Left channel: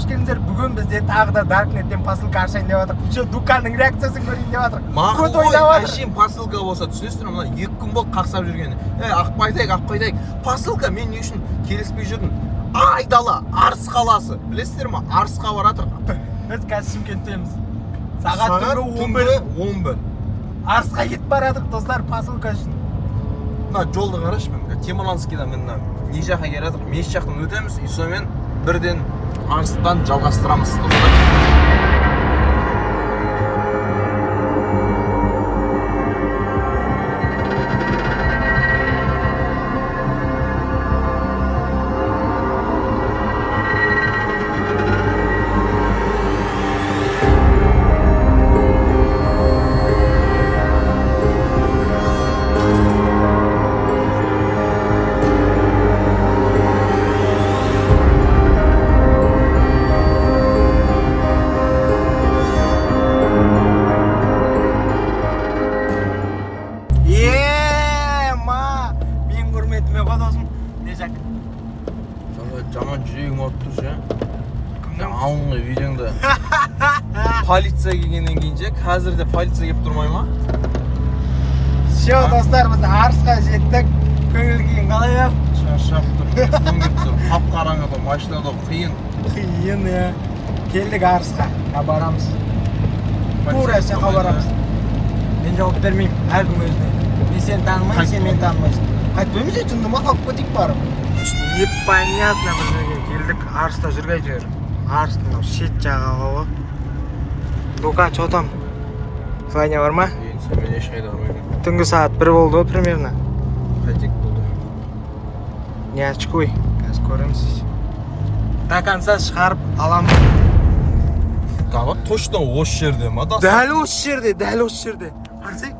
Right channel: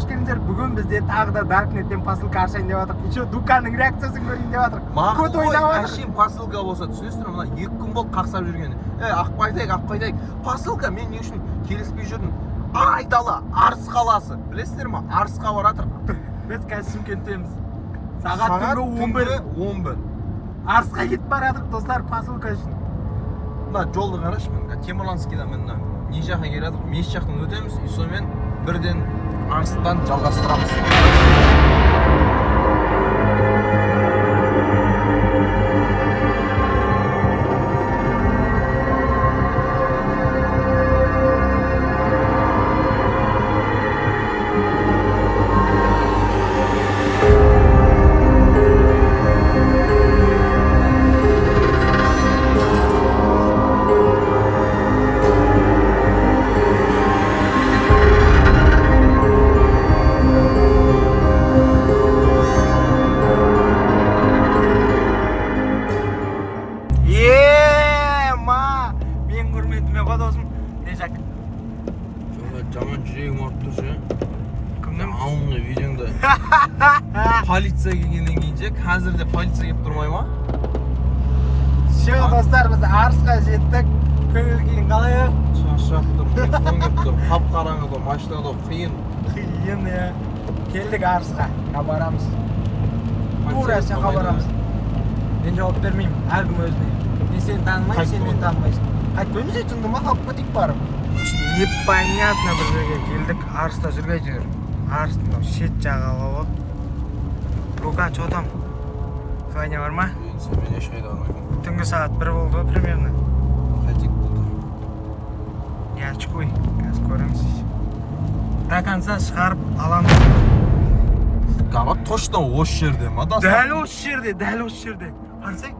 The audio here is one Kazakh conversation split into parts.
қош келдіңіздер. Бүгін бізде тағы да Darknet'тен посылка ашайын деп жатырмық. Еще Дуканның реакциясын көрейін деп жатырмық. Мақұл ғой, әшейін посылка болса түсінесіздер ме? Мына 2 күн болды қақсап жүргені. Ақпайтайық. Посылка мен не үшін келіспей жүрдім? Айдала, Арыс қаласы. Білесіздер ме? Арысқа баратырық. Біз қазір Шымкенттеміз. Сағат түнгі 11. Арысқа кетіп баратырық достар посылка үшін. Мына жолды қарашы мен. Темірланскийдан мына не жаққа келе жатырық? Мешіт жақтан өтеміз, и сонымен бірден Арыстан жалғастырамыз. Жаман жүрегім ұрып тұр ше. Кімнің? Алыңғы видеоңда. Полиция келгеннен кейін же, қазірде полиция келіп тұрмай ма? Шо достар, біз Арысқа жеттік. Көңіл күйің қалай ау? Шаршап тұр. Соң келіп тұр. Қап-қараңғыда, машинада қиын. Қиын, келдік Арысқа. Барамыз. Тура сақа барамыз. Мен жауап бермеймін, әркім өзіне. Мен сені танымаймын, сен мені танымайсың. Қайтпаймыз өтінді ма қалып кетейік барып. Непонятно бір жерге келдік. Арыста жүргей жүр. Арыстың шет жағалауы. Лука, что там? Звоня бар ма? Сен мен ешқайда бармаймын. Түнгі сағат 1 болды примерно. Қайтек болды. Не очкуй, қазір көреміз. До конца шығарып аламыз. Дава точно осы жерде ма? Дәл осы жерде. Қарсай?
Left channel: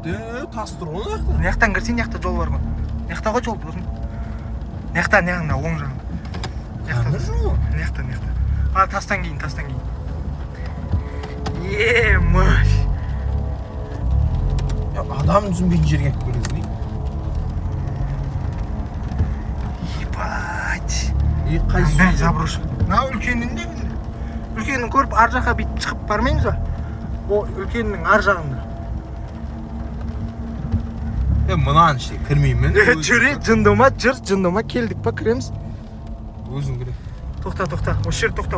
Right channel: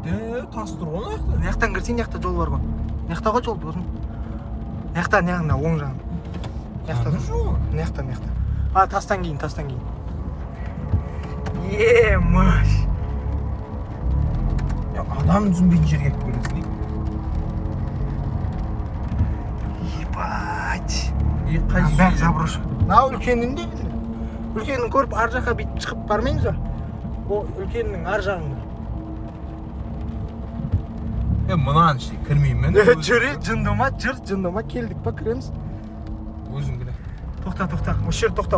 Тас тұр ғой мына жақта. Мынаяқтан кірсең, мынаяқта жол бар ғой. Мынаяқта ғой жол болсын. Мынаяқта, оң жағын. Мынаяқта. Тастан кейін. Маш. Адам түсінбейтін жерге келіп көресің. Ебать. Қайсы заброшка. Мынау үлкенін де білді. Үлкенін көріп ар жаққа бүйтіп шығып бармаймыз ба? О, үлкеннің ар жағында. Мұнан іште кірмеймін. Жүре, жындома келдік па, кіреміз? Өзің кірем. Тоқта, осы жер тоқта,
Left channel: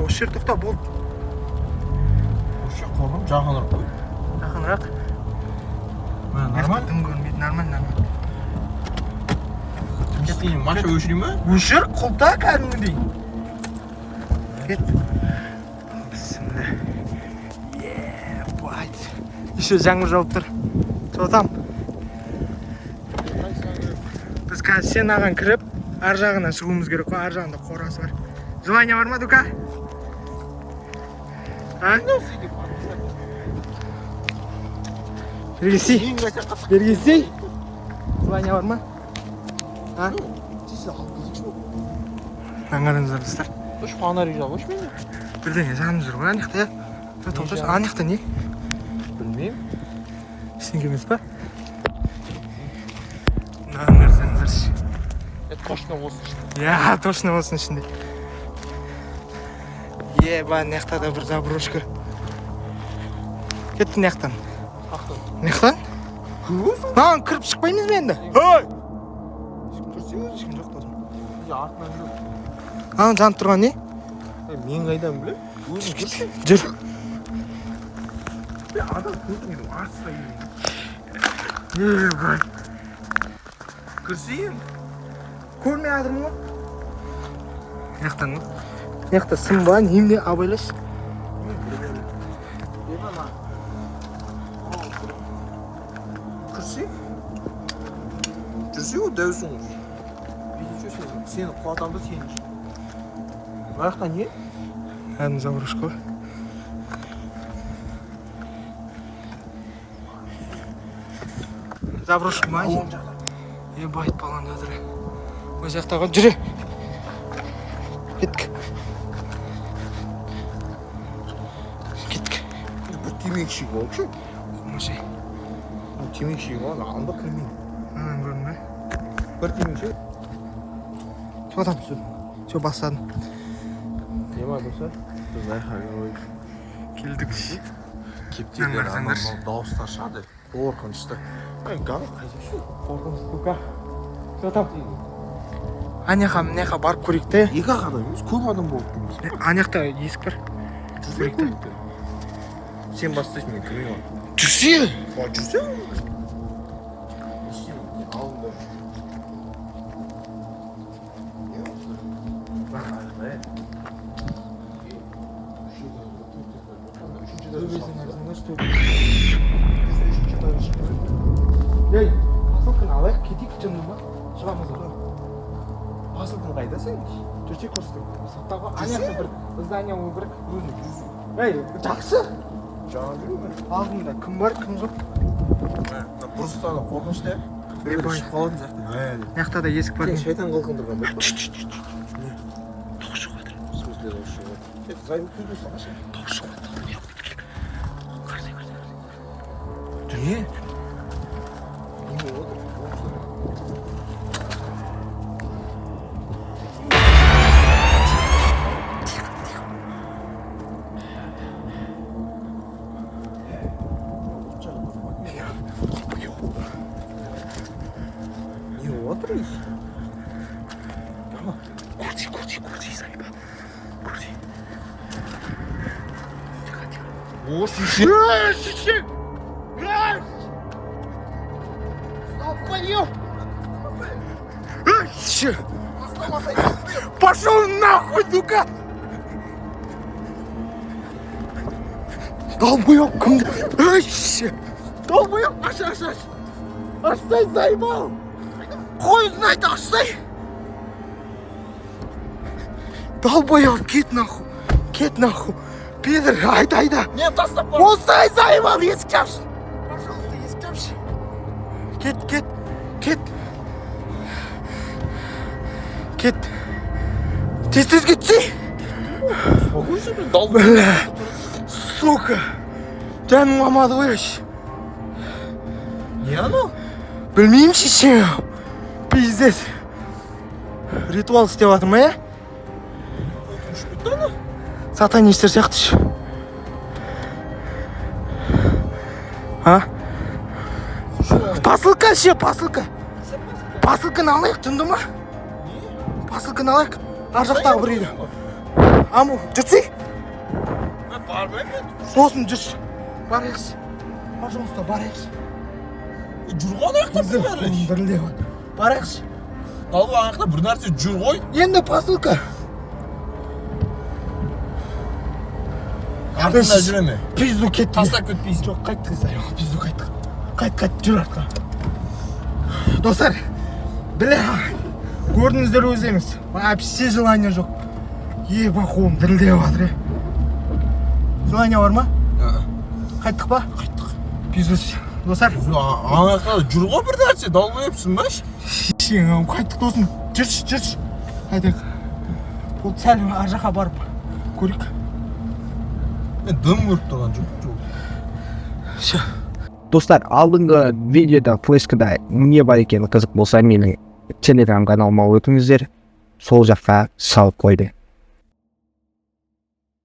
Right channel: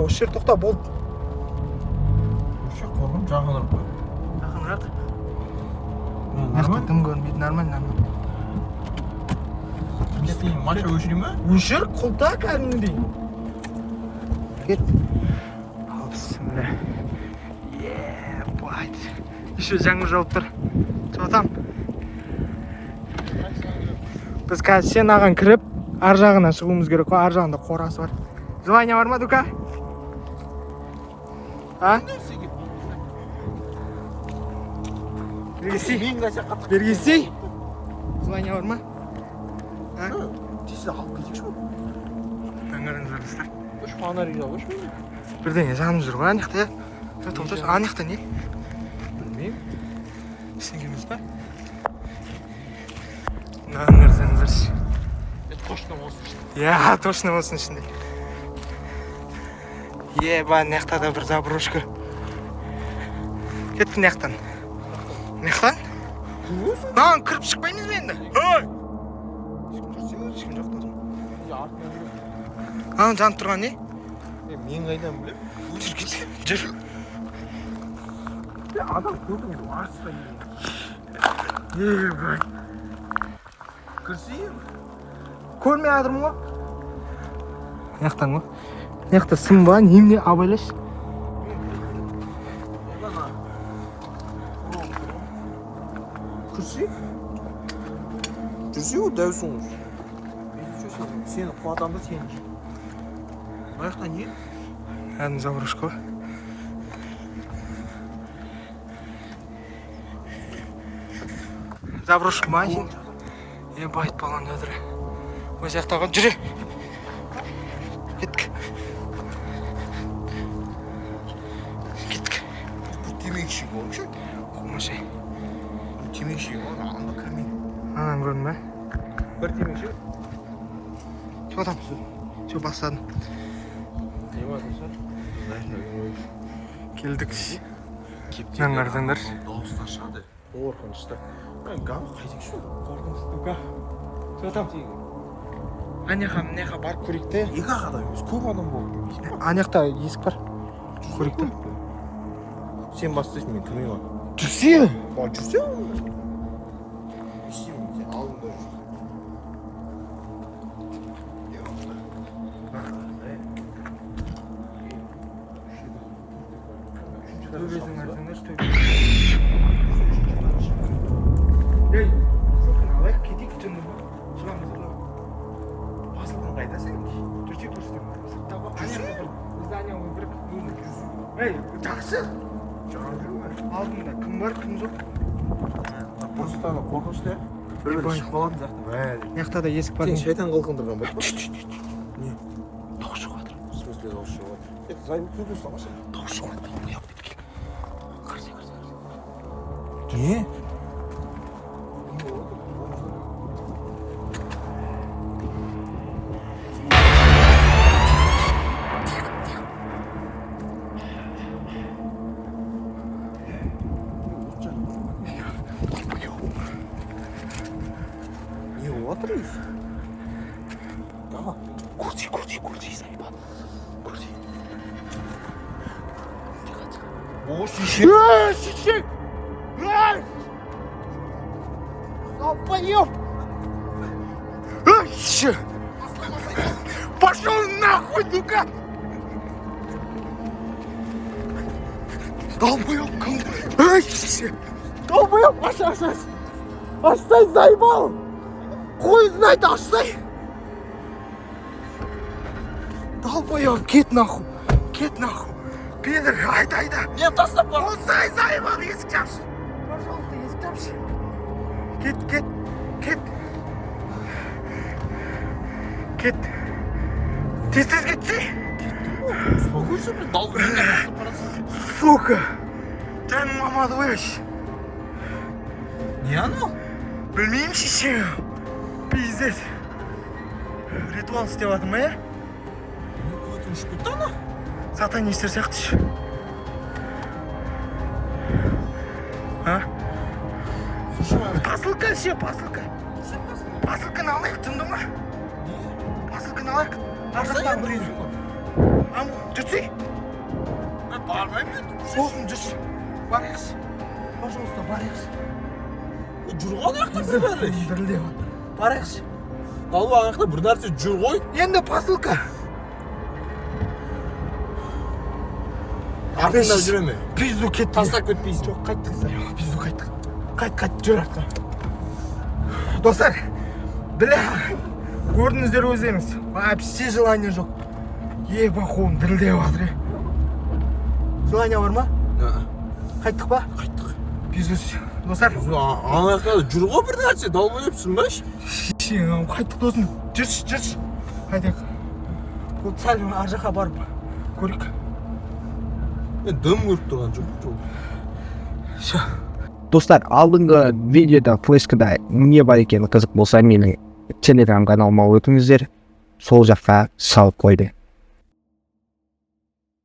болды. Осы қорғым жағынырақ қой. Жақынырақ. Нормально? Кім көрмейді, нормально. Маша өшірей ма? Өшір, құлта кәдімгідей. Кет. Ал, бісміллә. Ебать. Еще жаңбыр жауып тұр. Что там? Біз қазір сен аған кіріп, ар жағына шығуымыз керек қой, ар жағында қорасы бар. Желание бар ма, Дука? Бергесей? Желание бар ма? Тесі алып кетекші бұл. Аңғарыңыздар достар. Үш фонарик жау өш мені? Бірдеңе жанып жүр ғой, анықта. Анықта не? Білмеймін. Түсінгеніміз ба? Нағыңыздар. Точно болсын ішінде. Я, точно болсын ішінде. Еба, наяқта да бір заброшка. Кетті наяқтан. Наяқтан? Кіріп шықпаймыз бе енді? Ешкім жоқ да. Жанып тұрған не? Мен қайдан білем? Өзің кірші? Жүр. Адам көрмейді, арыста келген. Ебай. Кірсейін? Көрмей адырмын ғой? Наяқтан ғой? Наяқта сым ба, немде абайлаш? Кірсей? Жүрсей ғой, дәусің. Сені қуатамды сені жүр. Маяқта не? Әдім заброшка ғой. Заброшка ма? Ебайт балан өдірі. Өз яқтаға жүрі. Кеттік. Бұл темекші болшы? Қомашай. Бұл темекші бол, анда кірмейді. Анан көрдің бе? Бір темекші? Что там? Что бастадың? Келдік. Мен қарасаңдаршы. Дауыстар шығады. Қорқынышты. Галы қайда шу? Қорқыныш сука. Жатам. Аняқа мынақа барып көрейік те. Екі ақ адам емес, көп адам болды. Анаяқта есік бар. Көрейік те. Сен бастайсың, мен кірмеймін. Жүрсе. Жүрсе? Төбесін қарасаңдаршы, төбесін. Ей, посылканы алайық, кетейік түнді ма? Шығамыз ғой. Посылканы қайда сен? Жүрсек көрсетіп. Сақтағы аяқты бір здание ол бір өзіне жүзу. Ей, жақсы. Жаңа жүру ме? Алдында кім бар, кім жоқ. Просто қорқынышты. Біреу шығып қалатын сияқты. Маяқта да есік бар. Сен шайтан қылқындырған ба? Дауыс шығып жатыр. В смысле дауыс шығып жатыр? Зайып күлді салшы. Дауыс шығып жатыр. Қарсы. Не? Курди, заеба. Курди. О, шишек! Шишек! Долбоёб! Шишек! Пошел нахуй, ну-ка! Долбоёб, кімді? Шишек! Долбоёб, аш! Аштай, заебал! Хуй знает, аштай! Долбоёб, кет нахуй! Пидор, айда! Нет, тастап бар! Болсай, заебал, есік жапшы! Пожалуйста, есік жапшы! Кет! Тез кетші! Успокойся, мен долбоёб. Сука! Жаным қалмады ғой еш! Не оно? Білмеймін шеше! Пиздец! Ритуал істеп жатырмын, ә? Ұшып кетті ана? Сатанистер сияқтышы. А? Посылка ше, посылка. Посылканы алайық, түнді ма? Посылканы алайық. Ар жақтағы бір үйді. Аму, жүрсей? Бармаймын. Сосын жүрші. Барайықшы. Пожалуйста, барайықшы. Жүрған аяқта бір нәрсе. Дірілдеп жатыр. Барайықшы. Далба аяқта бір нәрсе жүр ғой. Енді посылка. Артында жүре ме? Пизду кетті. Тастап кетпейсің. Жоқ, қайттық, заебал, пизду қайттық. Қайт, жүр артқа. Достар, бля, көрдіңіздер өздеріңіз. Вообще желание жоқ. Ебахуым дірілдеп жатыр, е. Желание бар ма? Қайттық па? Қайттық. Пизду, достар. Аяқта жүр ғой бір нәрсе, долбоебсің ба? Шешең, қайттық досым. Жүрші. Қайдық. Бұл сәл ар жаққа барып көрейік. Мен дым көріп тұрған жоқ. Достар, алдыңғы видеода флешкада не бар екені қызық болса менің телеграм каналыма өтіңіздер. Сол жаққа салып қойды.